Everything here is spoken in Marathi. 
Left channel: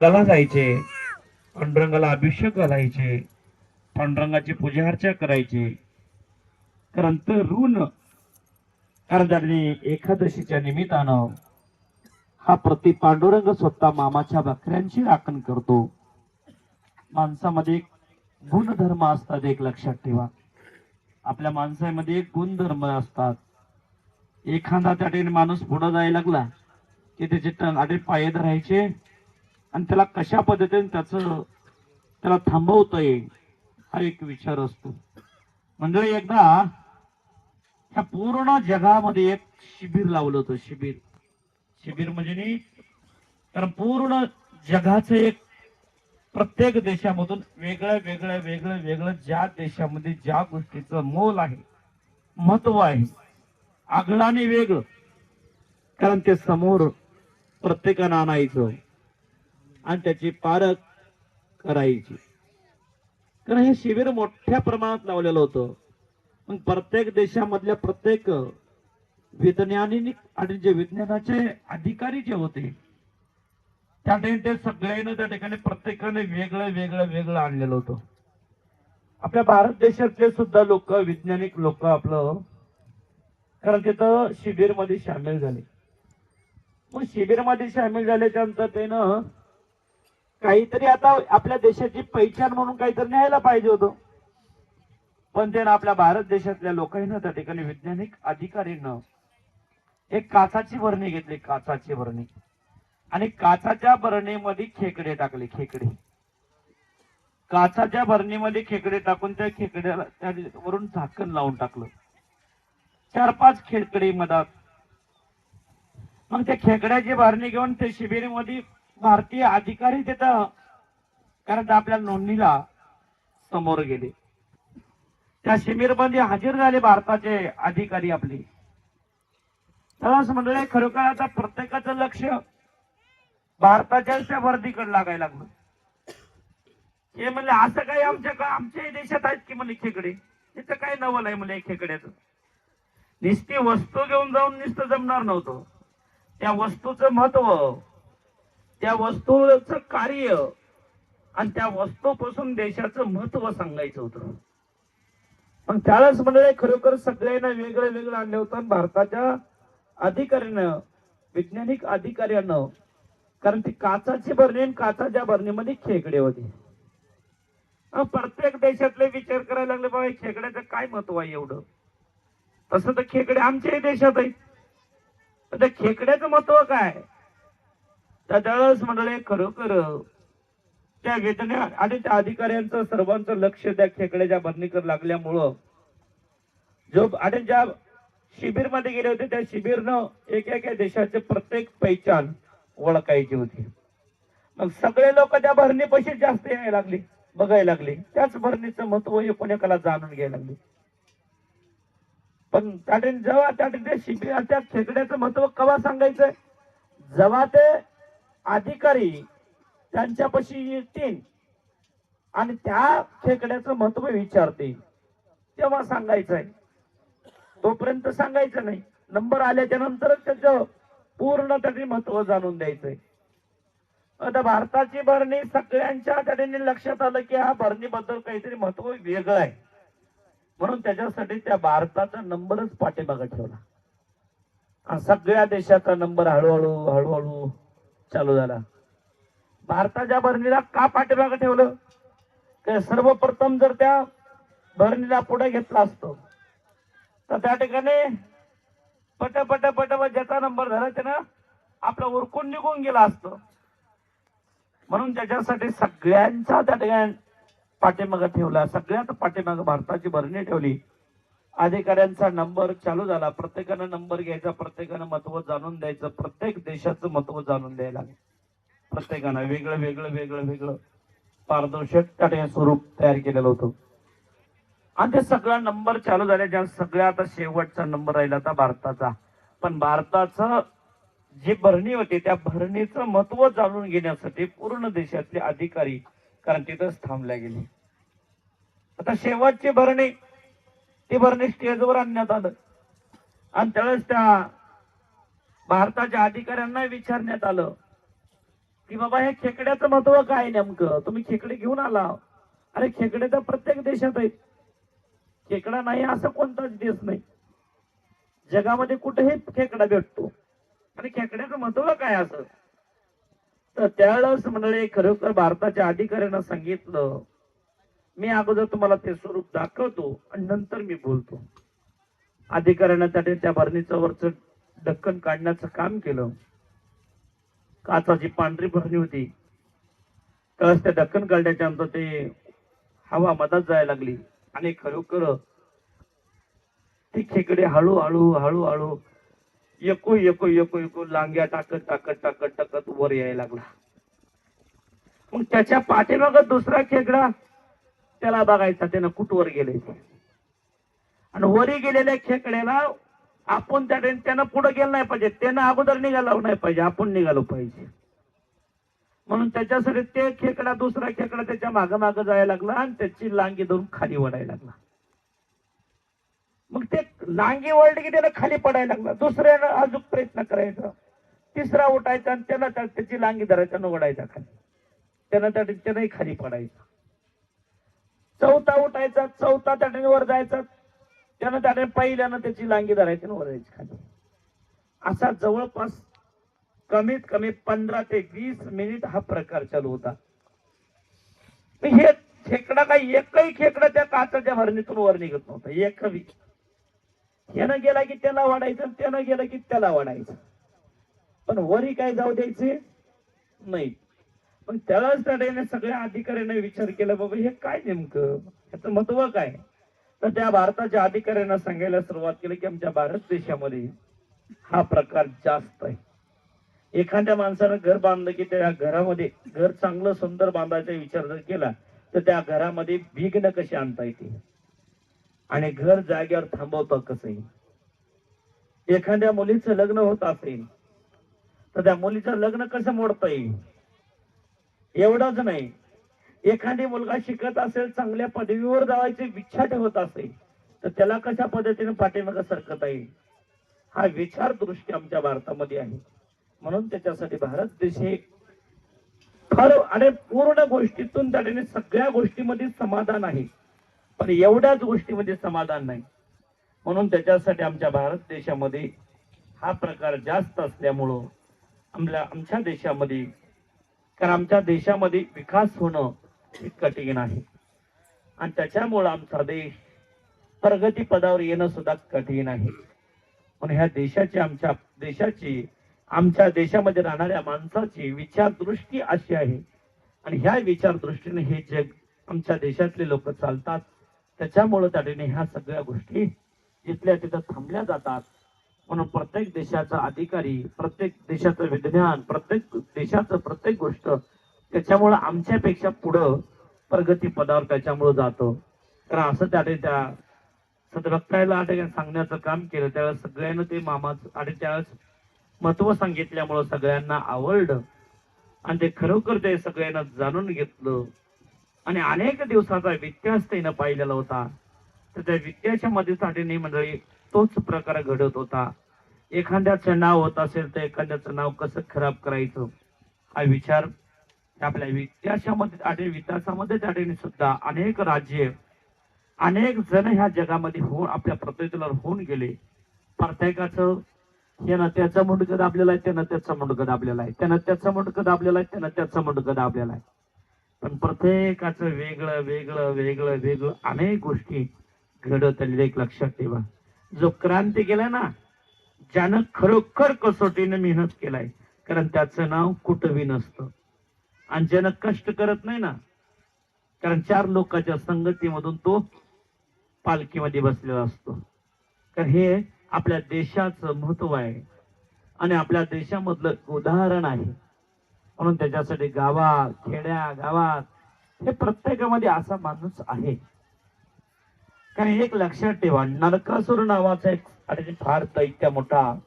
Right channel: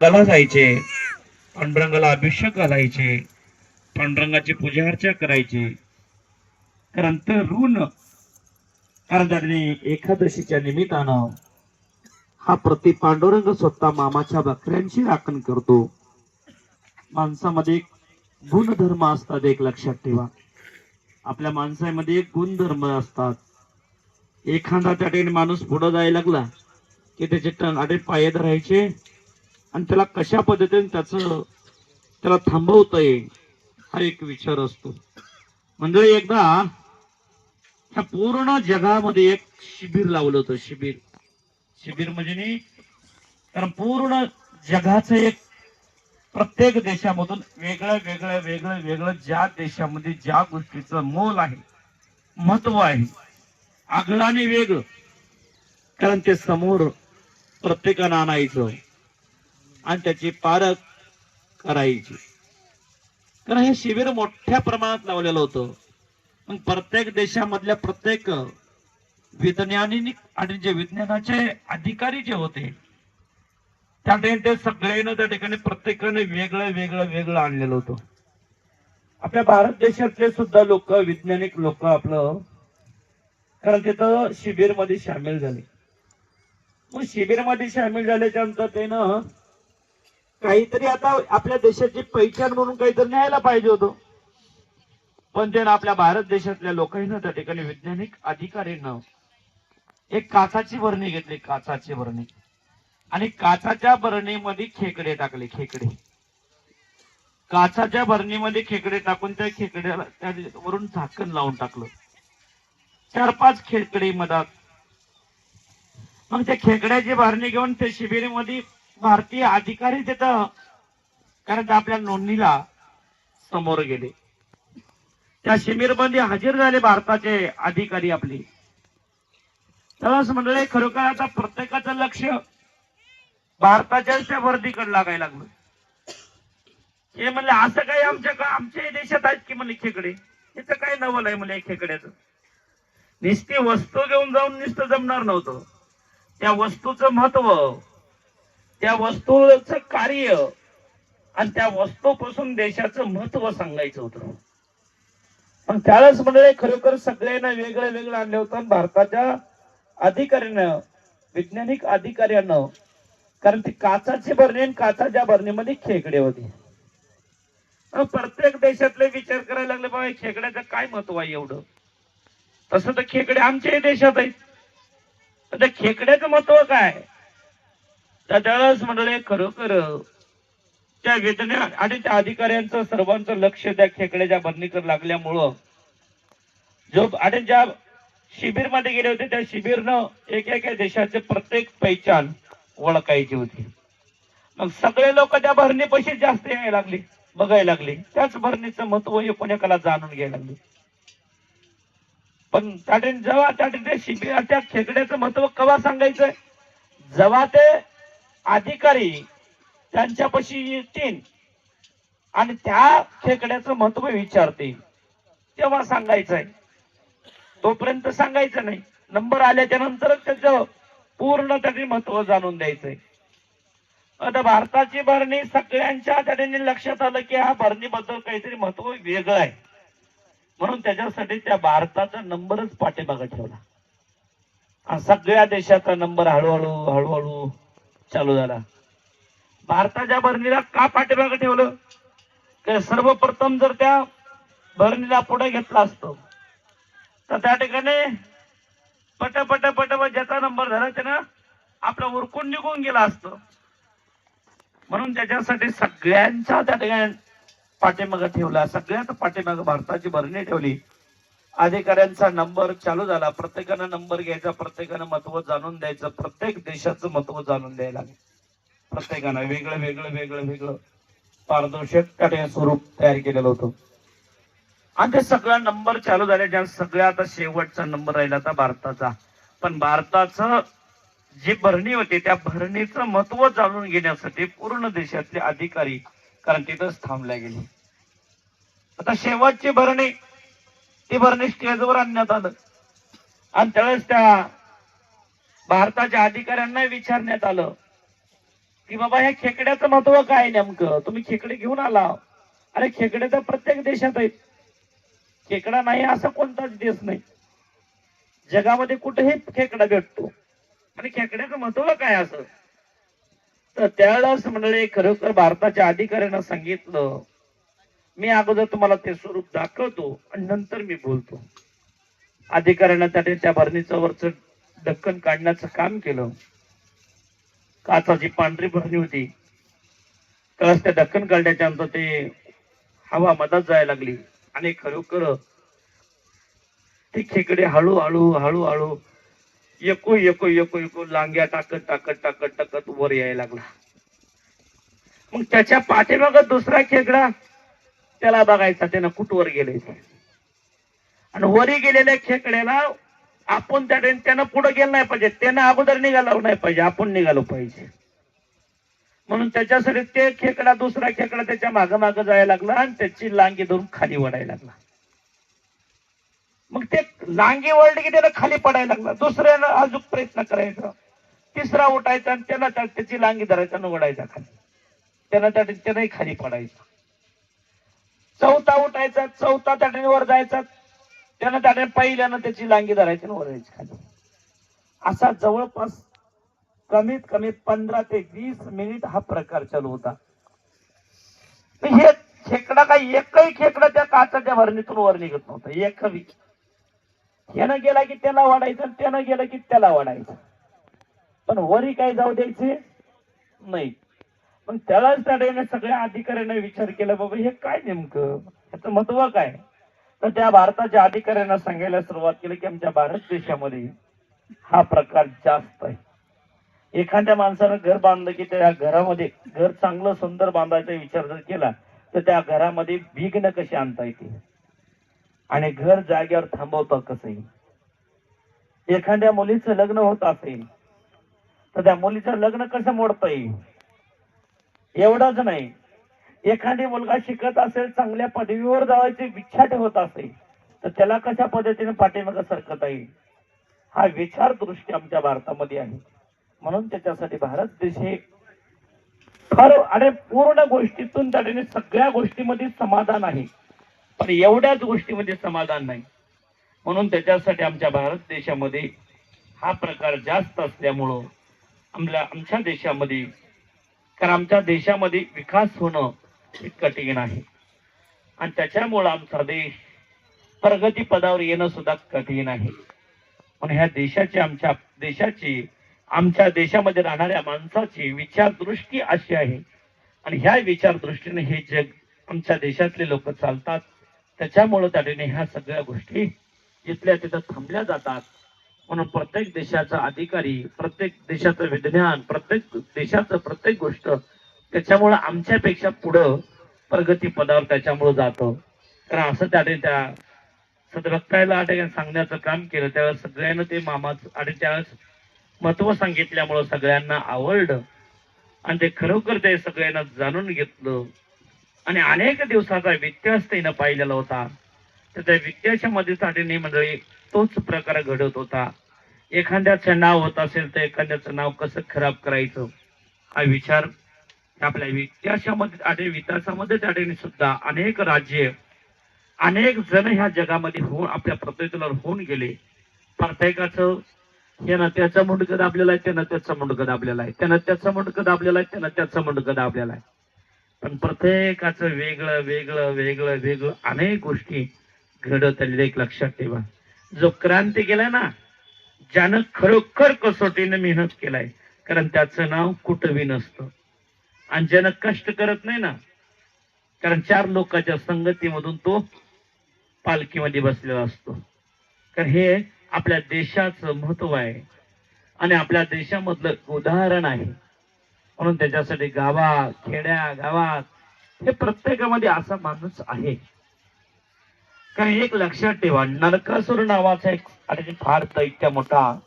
कला जायचे पांडुरंगाला अभिषेक घालायचे पांडुरंगाची पूजा अर्चा करायचे. कारण तर ऋण कारण त्यांनी एकादशीच्या निमित्तानं हा प्रति पांडुरंग स्वतः मामाच्या बकऱ्यांची राखण करतो. माणसामध्ये एक गुणधर्म असतात एक लक्षात ठेवा. आपल्या माणसामध्ये एक गुणधर्म असतात. एखादा त्या ठिकाणी माणूस पुढे जायला लागला की त्याचे टनाटे पाय धरायचे आणि त्याला कशा पद्धतीने त्याचं त्याला थांबवता येईल हा एक विचार असतो. म्हणजे एकदा ह्या पूर्ण जगामध्ये एक शिबिर लावलं होतं शिबिर. शिबिर म्हणजे नाही कारण पूर्ण जगाचं एक प्रत्येक देशामधून वेगळ्या वेगळ्या वेगळं वेगळं ज्या देशामध्ये ज्या गोष्टीचं मोल आहे महत्त्व आहे आगळाने वेगळं कारण ते समोर प्रत्येकानं आणायचं. आणि त्याची पारख करायची. कारण हे शिबिर मोठ्या प्रमाणात लावलेलं होतं. मग प्रत्येक देशामधल्या प्रत्येक वैज्ञानिक आणि जे विज्ञानाचे अधिकारी जे होते त्या ठिकाणी ते सगळ्यांना त्या ठिकाणी प्रत्येकाने वेगळं वेगळं वेगळं आणलेलं होतं. आपल्या भारत देशातले सुद्धा लोक वैज्ञानिक लोक आपलं कारण तिथं शिबिरमध्ये सामील झाले. मग शिबिरमध्ये सामील झाल्याच्यानंतर त्यानं काहीतरी आता आपल्या देशाची पैठण म्हणून काहीतरी न्यायला पाहिजे होतं. पण त्यानं आपल्या भारत देशातल्या लोकांना त्या ठिकाणी वैज्ञानिक अधिकारीनं एक काचाची भरणी घेतली काचाची भरणी आणि काचाच्या भरणीमध्ये खेकडे टाकले खेकडे. काचाच्या भरणीमध्ये खेकडे टाकून त्या खेकड्याला त्या वरून झाकण लावून टाकलं. चार पाच खेकडे मधात. मग त्या खेकड्याची भरणी घेऊन ते शिबिरीमध्ये भारतीय अधिकारी तिथं कारण आपल्या नोंदणीला समोर गेले. त्या शिबिरमध्ये हजर झाले भारताचे अधिकारी आपले. तरच मंडळी खरोखर आता प्रत्येकाचं लक्ष भारताच्या त्या वर्दीकडे लागायला लागलं. हे म्हणले असं काही आमच्या का आमच्याही देशात आहेत की म्हणले खेकडे? इथं काय नवल आहे म्हणले खेकड्याचं? नुसती वस्तू घेऊन जाऊन नुसतं जमणार नव्हतं. त्या वस्तूचं महत्त्व त्या वस्तूच कार्य आणि त्या वस्तूपासून देशाचं महत्त्व सांगायचं होतं. पण त्यावेळेस म्हणजे खरोखर सगळ्यांना वेगळं वेगळं आणलं होतं. भारताच्या अधिकाऱ्यानं वैज्ञानिक अधिकाऱ्यानं कारण ती काचाची भरणी आणि काचाच्या भरणीमध्ये खेकडे होते. प्रत्येक देशातले विचार करायला लागले बाबा खेकड्याचं काय महत्त्व आहे एवढं? तसं तर खेकडे आमच्याही देशात आहेत. तर त्या खेकड्याचं महत्त्व काय? तर त्यावेळेस म्हणले खरोखर त्या वेदना आणि त्या अधिकाऱ्यांचं सर्वांचं लक्ष त्या खेकड्याच्या भरणीकडे लागल्यामुळं जो आणि ज्या शिबिरमध्ये गेले होते त्या शिबिरनं एक एक देशाचे प्रत्येक पहिचान ओळखायची होती. मग सगळे लोक त्या भरणीपाशी जास्त यायला लागले बघायला लागले. त्याच भरणीचं महत्त्व हे एकाला जाणून घ्यायला लागले. पण त्या ठिकाणी जेव्हा त्या ठिकाणी शिबिर त्या खेकड्याचं महत्त्व केव्हा सांगायचंय? जेव्हा ते अधिकारी त्यांच्यापाशी येतील आणि त्या खेकड्याचं महत्त्व विचारतील. तेव्हा सांगायचंय. तोपर्यंत सांगायचं नाही. नंबर आल्याच्या नंतरच त्याचं पूर्ण त्याचे महत्त्व जाणून द्यायचंय. आता भारताची भरणी सगळ्यांच्या त्याने लक्षात आलं की हा भरणीबद्दल काहीतरी महत्त्व वेगळं आहे. म्हणून त्याच्यासाठी त्या भारताचा नंबरच पाठीमागे ठेवला. सगळ्या देशाचा नंबर हळूहळू हळूहळू चालू झाला. भारताच्या भरणीला का पाठीमागे ठेवलं? तर सर्वप्रथम जर त्या भरणीला पुढे घेतला असतो तर त्या ठिकाणी पट पट पट ज्याचा नंबर झाला त्यानं आपला उरकून निघून गेला असतो. म्हणून त्याच्यासाठी सगळ्यांचा त्या ठिकाणी पाठीमागं ठेवला. सगळ्यात पाठीमागं भारताची भरणी ठेवली. अधिकाऱ्यांचा नंबर चालू झाला. प्रत्येकानं नंबर घ्यायचा प्रत्येकानं महत्त्व जाणून द्यायचं प्रत्येक देशाचं महत्त्व जाणून द्यायला लागलं प्रत्येकानं वेगळं वेगळं वेगळं वेगळं पारदर्शक स्वरूप तयार केलेलं होतं. आणि ते सगळा नंबर चालू झाले ज्या आता शेवटचा नंबर राहिला होता भारताचा. पण भारताचं जी भरणी होती त्या भरणीचं महत्त्व जाणून घेण्यासाठी पूर्ण देशातले अधिकारी कारण तिथंच थांबल्या गेले. आता शेवटची भरणी ते भरणी स्टेजवर आणण्यात आलं. आणि त्यावेळेस त्या भारताच्या अधिकाऱ्यांना विचारण्यात आलं की बाबा ह्या खेकड्याचं महत्त्व काय नेमकं? तुम्ही खेकडे घेऊन आला. अरे खेकडे तर प्रत्येक देशात आहेत. खेकडा नाही असा कोणताच देश नाही. जगामध्ये कुठेही खेकडा भेटतो. आणि खेकड्याचं महत्त्व काय असं? तर त्यावेळेस मंडळी खरोखर भारताच्या अधिकाऱ्यांना सांगितलं मी अगोदर तुम्हाला ते स्वरूप दाखवतो आणि नंतर मी बोलतो. अधिकाऱ्यांना त्याने त्या भरणीचं वरच ढक्कन काढण्याचं काम केलं. काचाची पांढरी भरणी होती. कळस त्या ढक्कन काढण्याच्या आमचं ते हवा मदत जायला लागली आणि खरोखर ती खेकडे हळूहळू हळूहळू एकू एकू एकू एकू लांग्या टाकत टाकत टाकत टाकत वर यायला लागला. मग त्याच्या पाठीमाग दुसरा खेकडा त्याला बघायचा त्यानं कुठवर गेले आणि वरी गेलेल्या खेकड्याला आपण त्या त्यानं पुढे गेलं नाही पाहिजे. त्यानं अगोदर निघाला नाही पाहिजे. आपण निघालो पाहिजे. म्हणून त्याच्यासाठी ते खेकडा दुसरा खेकडा त्याच्या माग माग जायला लागला आणि त्याची लांगी धरून खाली वडायला लागला. मग ते लांगी वळली की त्याला खाली पडायला लागला. दुसऱ्यानं अजून प्रयत्न करायचा. तिसरा उठायचा आणि त्याला त्याची लांगी धरायचा आणि वडायचा खाली. त्यानं त्या त्यानंही खाली पडायचं. चौथा उठायचा चौथा त्याने वर जायचा. त्यानं त्याने पहिल्यानं त्याची लांगी धरायची वर जायची खाली. असा जवळपास कमीत कमी पंधरा ते वीस मिनिट हा प्रकार चालू होता. हे खेकडा काही एकही खेकडा त्या काचाच्या भरणीतून वर निघत नव्हता एक यानं गेला की त्याला वाढायचं त्यानं गेलं की त्याला वाढायचं. पण वरी काय जाऊ द्यायचे? नाही. पण त्यालाच तडेने सगळ्या अधिकाऱ्यांना विचार केला बाबा हे काय नेमकं? ह्याचं महत्त्व काय? तर त्या भारताच्या अधिकाऱ्यांना सांगायला सुरुवात केली की आमच्या भारत देशामध्ये हा प्रकार जास्त आहे. एखाद्या माणसानं घर बांधलं की त्या घरामध्ये घर चांगलं सुंदर बांधायचा विचार जर केला तर त्या घरामध्ये विघ्न कशी आणता येते? आणि घर जागेवर थांबवतं कसंही एखाद्या मुलीचं लग्न होत असेल तर त्या मुलीचं लग्न कसं मोडता येईल? एवढाच नाही. एखादी मुलगा शिकत असेल चांगल्या पदवीवर जावायची इच्छा ठेवत असेल तर त्याला कशा पद्धतीने पाठीमागं सरकता येईल? हा विचार दृष्टी आमच्या भारतामध्ये आहे. म्हणून त्याच्यासाठी भारत देश हे फार आणि पूर्ण गोष्टीतून त्याने सगळ्या गोष्टीमध्ये समाधान आहे. पण एवढ्याच गोष्टीमध्ये समाधान नाही. म्हणून त्याच्यासाठी आमच्या भारत देशामध्ये हा प्रकार जास्त असल्यामुळं आमल्या आमच्या देशामध्ये कारण आमच्या देशामध्ये विकास होणं हे कठीण आहे. आणि त्याच्यामुळं आमचा देश प्रगती पदावर येणं सुद्धा कठीण आहे. पण ह्या देशाची आमच्या देशाची आमच्या देशामध्ये राहणाऱ्या माणसाची विचारदृष्टी अशी आहे. आणि ह्या विचारदृष्टीने हे जग आमच्या देशातले लोक चालतात. त्याच्यामुळं त्याने ह्या सगळ्या गोष्टी जिथल्या तिथं थांबल्या जातात. म्हणून प्रत्येक देशाचा अधिकारी प्रत्येक देशाचं विज्ञान प्रत्येक देशाचं प्रत्येक गोष्ट त्याच्यामुळं आमच्यापेक्षा पुढं प्रगती पदावर त्याच्यामुळं जातं. कारण असं त्याने त्या सदरक्तायला आटे सांगण्याचं काम केलं त्यावेळेस सगळ्यांना ते मामाच आणि त्यावेळेस महत्त्व सांगितल्यामुळं सगळ्यांना आवडलं. आणि ते खरोखर ते सगळ्यांना जाणून घेतलं. आणि अनेक दिवसाचा व्यत्यास त्यानं पाहिलेला होता. तर त्या व्यत्याच्या मध्ये म्हणजे मंडळी तोच प्रकार घडत होता. एखाद्याचं नाव होत असेल तर एखाद्याचं नाव कसं खराब करायचं? हा विचार आपल्या इतिहासामध्ये आणि विकासामध्ये त्याने सुद्धा अनेक राज्य अनेक जण ह्या जगामध्ये होऊन आपल्या प्रत्येकाला होऊन गेले. प्रत्येकाचं हे त्याचं मुंडकं दाबलेलं आहे त्यानं त्याचं मुंडकं दाबलेलं आहे. त्या त्याचं मुंडकं दाबलेलं आहे त्यानं त्याचं मुंडकं दाबलेलं आहे. पण प्रत्येकाचं वेगळं वेगळं वेगळं वेगळं अनेक गोष्टी घडत आलेल्या एक लक्षात ठेवा. जो क्रांती केलाय ना ज्यानं खरोखर कसोटीने मेहनत केलाय कारण त्याचं नाव कुटवी नसतं. आणि ज्यानं कष्ट करत नाही ना कारण चार लोकांच्या संगतीमधून तो पालखीमध्ये बसलेला असतो. कारण हे आपल्या देशाचं महत्त्व आहे. आणि आपल्या देशामधलं उदाहरण आहे. म्हणून त्याच्यासाठी गावात खेड्या गावात हे प्रत्येकामध्ये असा माणूस आहे. कारण एक लक्षात ठेवा नरकासूर नावाचा एक आणि फार दैत्य मोठा.